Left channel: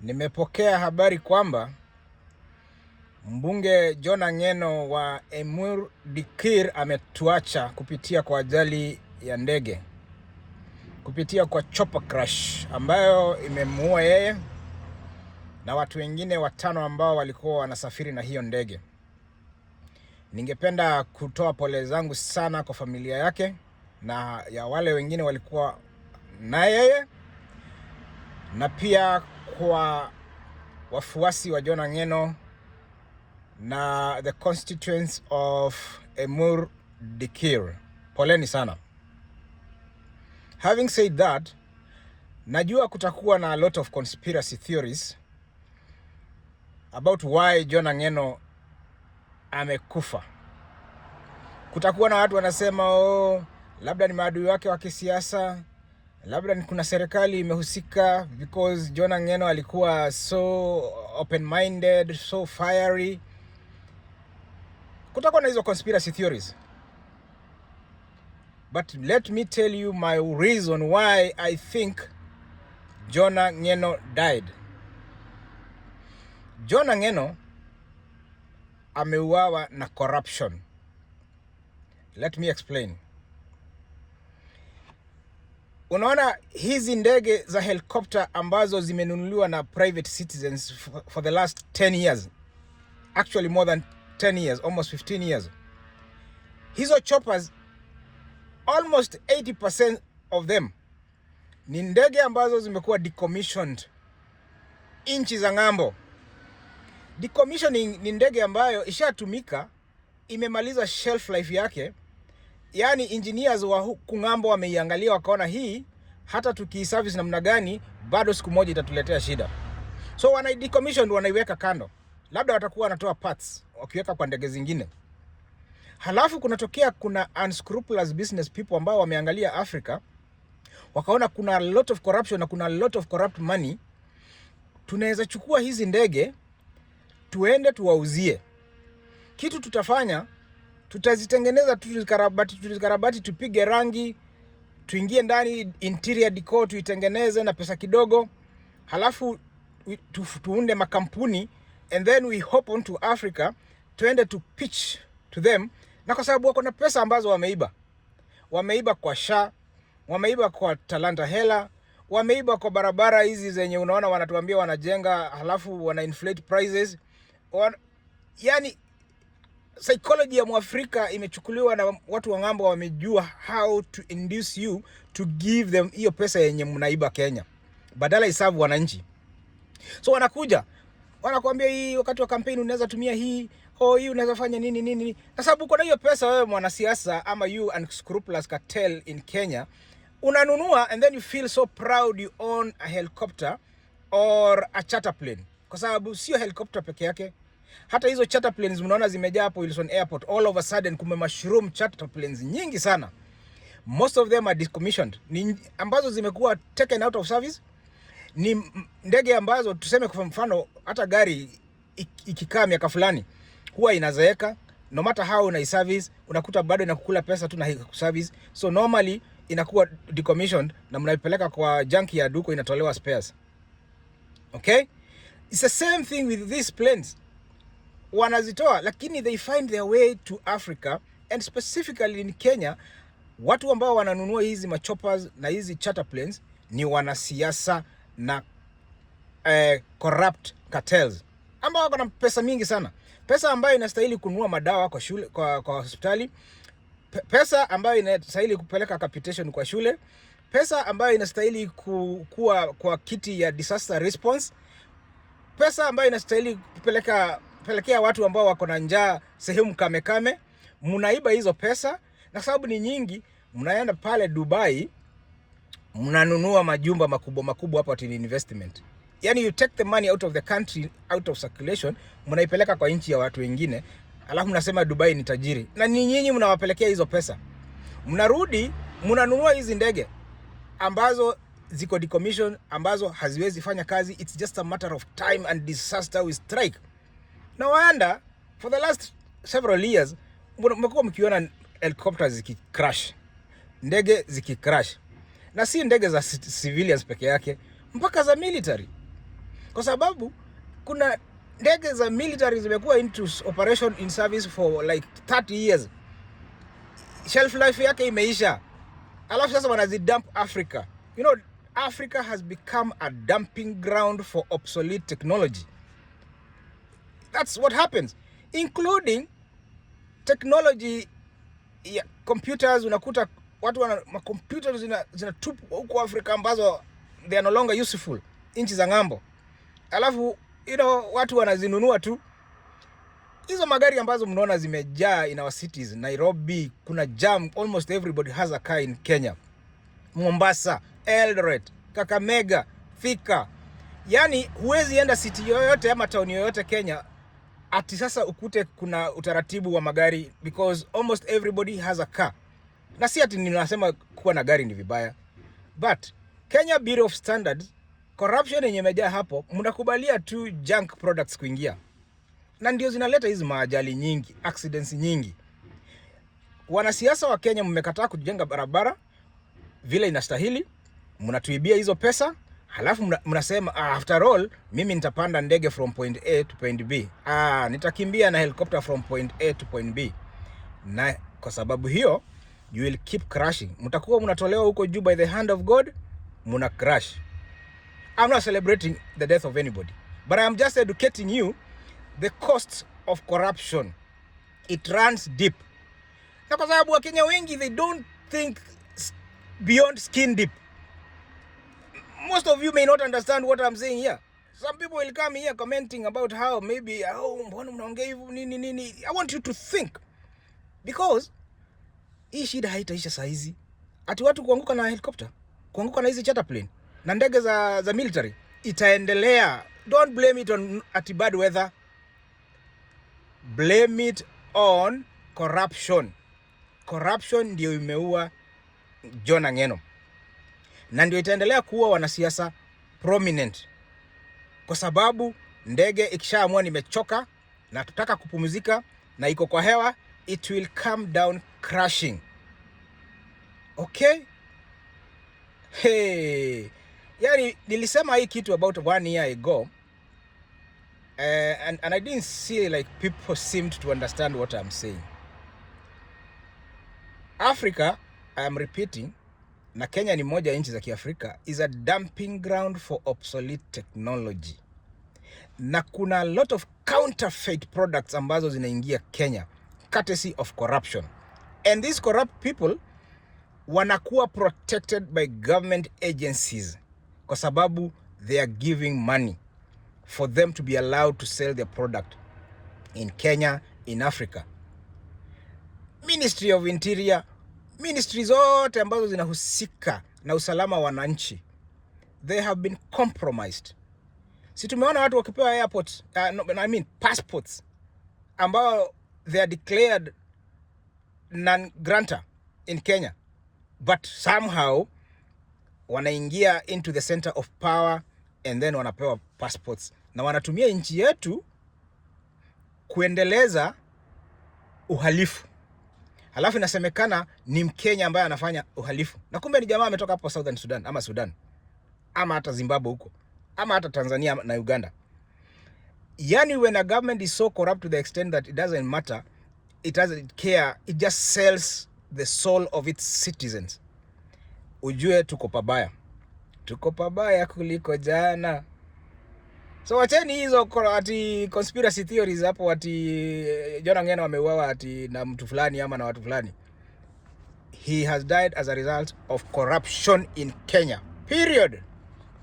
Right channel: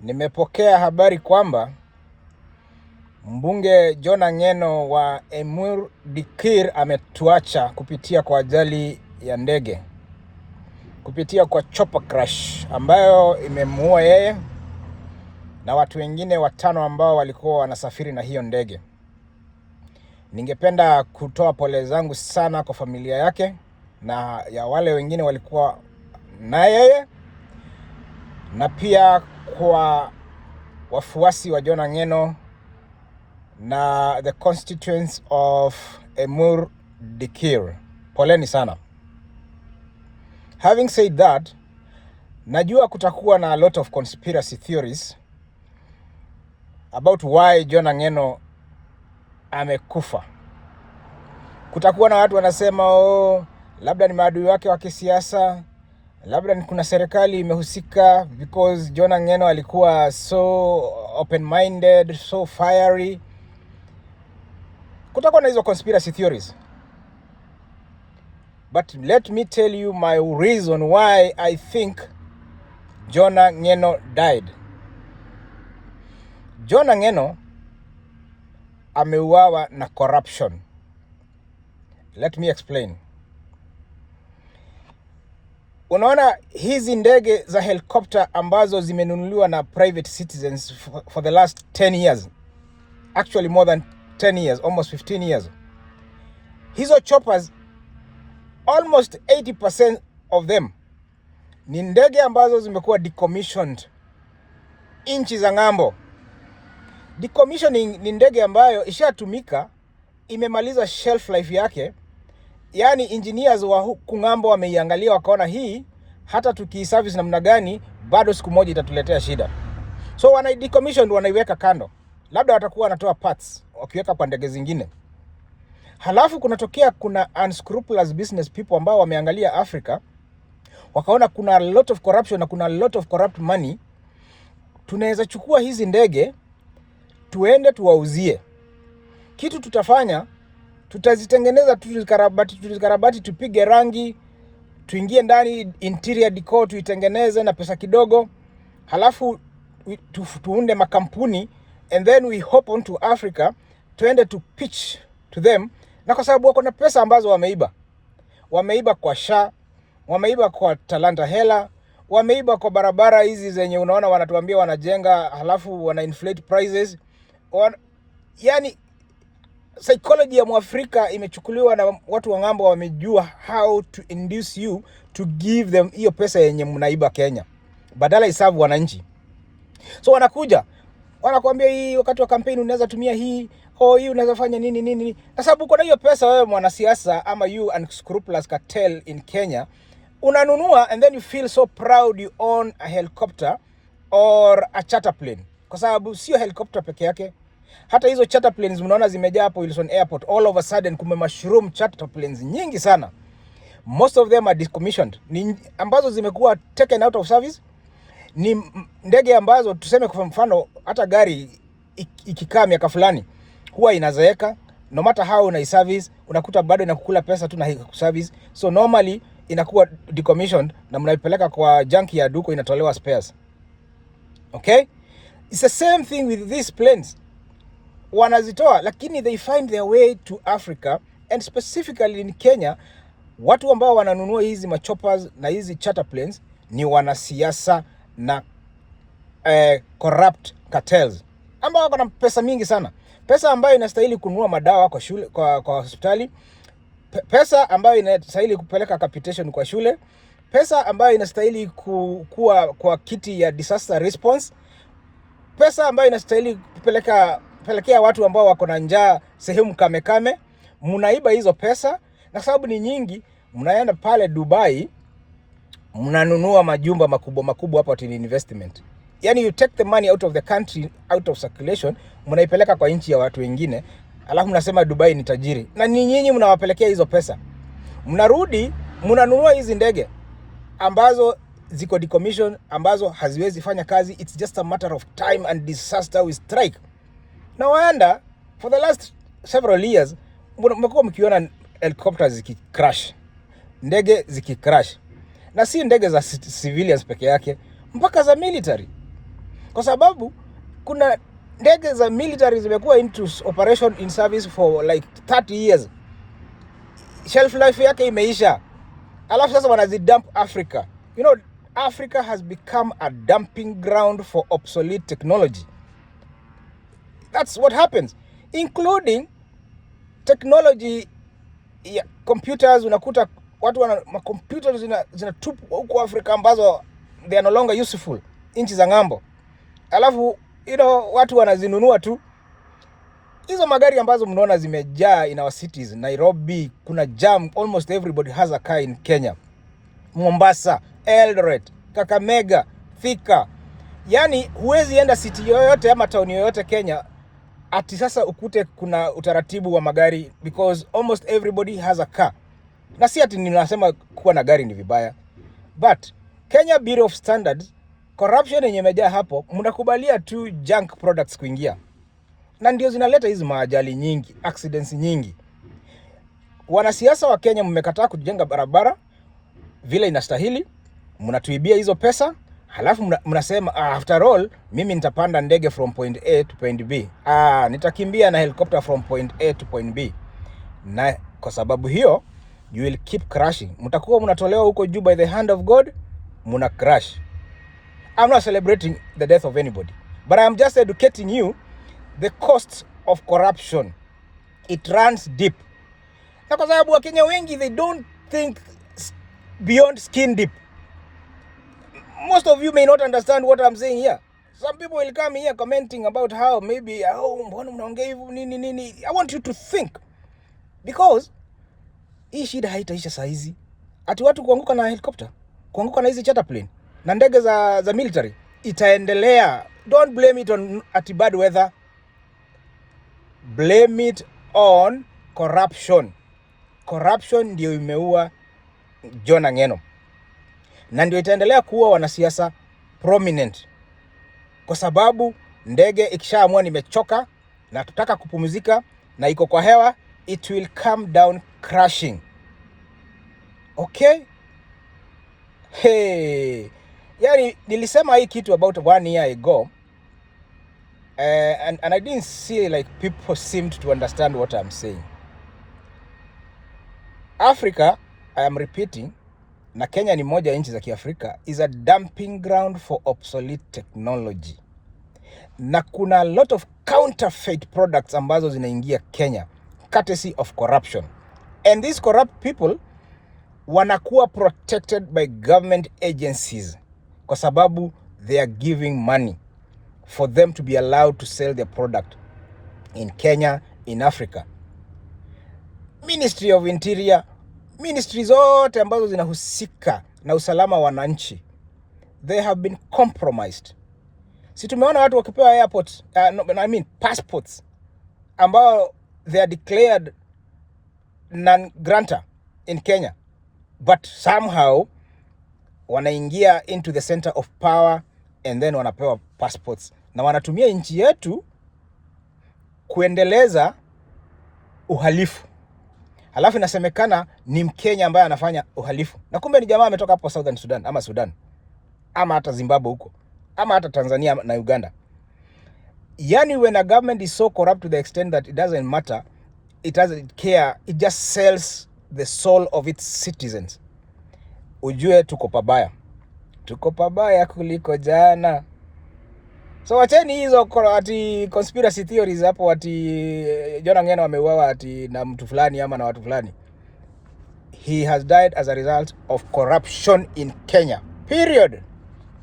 Nimepokea habari kwamba mbunge John Ang'eno wa Emur Dikir ametuacha kupitia kwa ajali ya ndege, kupitia kwa chopper crash ambayo imemuua yeye na watu wengine 5 ambao walikuwa wanasafiri na hiyo ndege. Ningependa kutoa pole zangu sana kwa familia yake na ya wale wengine walikuwa na yeye, na pia kwa wafuasi wa John Ang'eno na the constituents of Emur Dikir. Poleni sana. Having said that, najua kutakuwa na a lot of conspiracy theories about why John Ang'eno amekufa. Kutakuwa na watu wanasema labda ni maadui wake wa kisiasa, labda ni kuna serikali imehusika because John Ang'eno alikuwa so open-minded, so fiery. Kutakuwa na hizo conspiracy theories. But let me tell you my reason why I think John Ang'eno died. John Ang'eno ameuawa na corruption. Let me explain. Unaona hizi ndege za helicopter ambazo zimenunuliwa na private citizens for the last 10 years. Actually more than 10 years, almost 15 years. Hizo choppers, almost 80% of them ni ndege ambazo zimekuwa decommissioned inchi za ng'ambo. Decommissioning ni ndege ambayo ishatumika, imemaliza shelf life yake. Yani engineers wa huku ng'ambo wameiangalia wakaona hii hata tukiservice namna gani bado siku moja itatuletea shida. So wana decommission, wanaiweka kando. Labda watakuwa wanatoa parts wakiweka kwa ndege zingine. Halafu kuna unscrupulous business people ambao wameangalia Africa, wakaona kuna a lot of corruption na kuna a lot of corrupt money. Tunaweza chukua hizi ndege tuende tuwauzie. Kitu tutafanya, tutazitengeneza, tuzikarabati, tupige rangi, tuingie ndani interior decor, tuitengeneze na pesa kidogo. Halafu tuunde makampuni, and then we hop onto Africa, tuende to pitch to them. Na kwa sababu wako na pesa ambazo wameiba kwa SHA, wameiba kwa Talanta Hela, wameiba kwa barabara hizi zenye unaona wanatuambia wanajenga, halafu wana inflate prices. Yani psychology ya Mwafrika imechukuliwa na watu wa ng'ambo, wamejua how to induce you to give them hiyo pesa yenye mnaiba Kenya, badala isabu wananchi. So wanakuja wanakuambia hii wakati wa campaign unaweza tumia hii, hii unaweza fanya nini. Kwa sababu uko na hiyo pesa wewe mwanasiasa, ama you unscrupulous cartel in Kenya, unanunua and then you feel so proud you own a helicopter or a charter plane. Kwa sababu sio helicopter peke yake, hata hizo charter planes mnaona zimejaa hapo Wilson Airport. All of a sudden kume mushroom charter planes nyingi sana. Most of them are decommissioned. Ni ambazo zimekuwa taken out of service. Ni ndege ambazo tuseme kwa mfano hata gari ikikaa miaka fulani huwa inazeeka, no matter how una service unakuta bado inakukula pesa tu na service. So normally inakuwa decommissioned na mnaipeleka kwa junkyard huko inatolewa spares. Okay? It's the same thing with these planes. Wanazitoa lakini they find their way to Africa, and specifically in Kenya. Watu ambao wananunua hizi machoppers na hizi charter planes ni wanasiasa na corrupt cartels ambao wako na pesa mingi sana. Pesa ambayo inastahili kununua madawa kwa shule, kwa hospitali. Pesa ambayo inastahili kupeleka capitation kwa shule. Pesa ambayo inastahili kuwa kwa kiti ya disaster response. Pesa ambayo inastahili kupelekea watu ambao wako na njaa sehemu kame. Mnaiba hizo pesa, na sababu ni nyingi, mnaenda pale Dubai, mnanunua majumba makubwa hapo in investment. Yani you take the money out of the country, out of circulation, mnaipeleka kwa nchi ya watu wengine, alafu mnasema Dubai ni tajiri. Na ni nyinyi mnawapelekea hizo pesa. Mnarudi, mnanunua hizi ndege ambazo ziko decommission, ambazo haziwezi fanya kazi. It's just a matter of time and disaster will strike. Na waanda, for the last several years, mmekuwa mkiona helicopters zikicrash, ndege zikicrash. Na si ndege za civilians peke yake, mpaka za military. kwa sababu kuna ndege za military zimekuwa into operation in service for like 30 years, shelf life yake imeisha, alafu sasa wanazidump Africa. You know, Africa has become a dumping ground for obsolete technology. That's what happens, including technology ya computers. Unakuta watu wana computers zinatupwa huko Afrika ambazo they are no longer useful nchi za ng'ambo, alafu watu wanazinunua tu. Hizo magari ambazo mnaona zimejaa in our cities, Nairobi kuna jam, almost everybody has a car in Kenya. Mombasa, Eldoret, Kakamega, Thika. Yani huwezi enda city yoyote ama town yoyote Kenya ati sasa ukute kuna utaratibu wa magari, because almost everybody has a car. Na si ati ninasema kuwa na gari ni vibaya, but Kenya Bureau of Standards, corruption yenye imejaa hapo, mnakubalia tu junk products kuingia, na ndio zinaleta hizi maajali nyingi, accidents nyingi. Wanasiasa wa Kenya mmekataa kujenga barabara vile inastahili, mnatuibia hizo pesa, halafu mnasema after all mimi nitapanda ndege from point A to point B. Nitakimbia na helicopter from point A to point B. Na kwa sababu hiyo you will keep crashing. Mtakuwa mnatolewa huko juu by the hand of God, muna crash. I'm not celebrating the death of anybody, but I am just educating you the cost of corruption. It runs deep. Na kwa sababu Wakenya wengi, they don't think beyond skin deep. Most of you may not understand what I'm saying here. Some people will come here commenting about how maybe mbona mnaongea hivyo nini. I want you to think, because hii shida haitaisha saa hizi. Ati watu kuanguka na helicopter, kuanguka na hizi charter plane na ndege za military itaendelea. Don't blame it on bad weather. Blame it on corruption. Corruption ndio imeua John Ng'eno, na ndio itaendelea kuwa wanasiasa prominent, kwa sababu ndege ikishaamua nimechoka na tutaka kupumzika na iko kwa hewa, it will come down crashing. Okay? Hey, yani nilisema hii kitu about 1 year ago, and I didn't see like people seemed to understand what I'm saying. Africa, I am repeating, na Kenya ni moja nchi za Kiafrika, is a dumping ground for obsolete technology. Na kuna a lot of counterfeit products ambazo zinaingia Kenya courtesy of corruption. And these corrupt people wanakuwa protected by government agencies kwa sababu they are giving money for them to be allowed to sell their product in Kenya, in Africa. Ministry of Interior, ministries zote ambazo zinahusika na usalama wa wananchi, they have been compromised. Si tumeona watu wakipewa airports, passports ambao they are declared non-grantor in Kenya, but somehow wanaingia into the center of power and then wanapewa passports, na wanatumia nchi yetu kuendeleza uhalifu. Halafu inasemekana ni Mkenya ambaye anafanya uhalifu, na kumbe ni jamaa ametoka hapo Southern Sudan ama Sudan ama hata Zimbabwe huko ama hata Tanzania na Uganda. Yani when a government is so corrupt to the extent that it doesn't matter, it doesn't care, it just sells the soul of its citizens, ujue tuko pabaya kuliko jana. So wacheni hizo ati conspiracy theories hapo ati John Ng'eno ameuawa ati na mtu fulani ama na watu fulani. He has died as a result of corruption in Kenya. Period.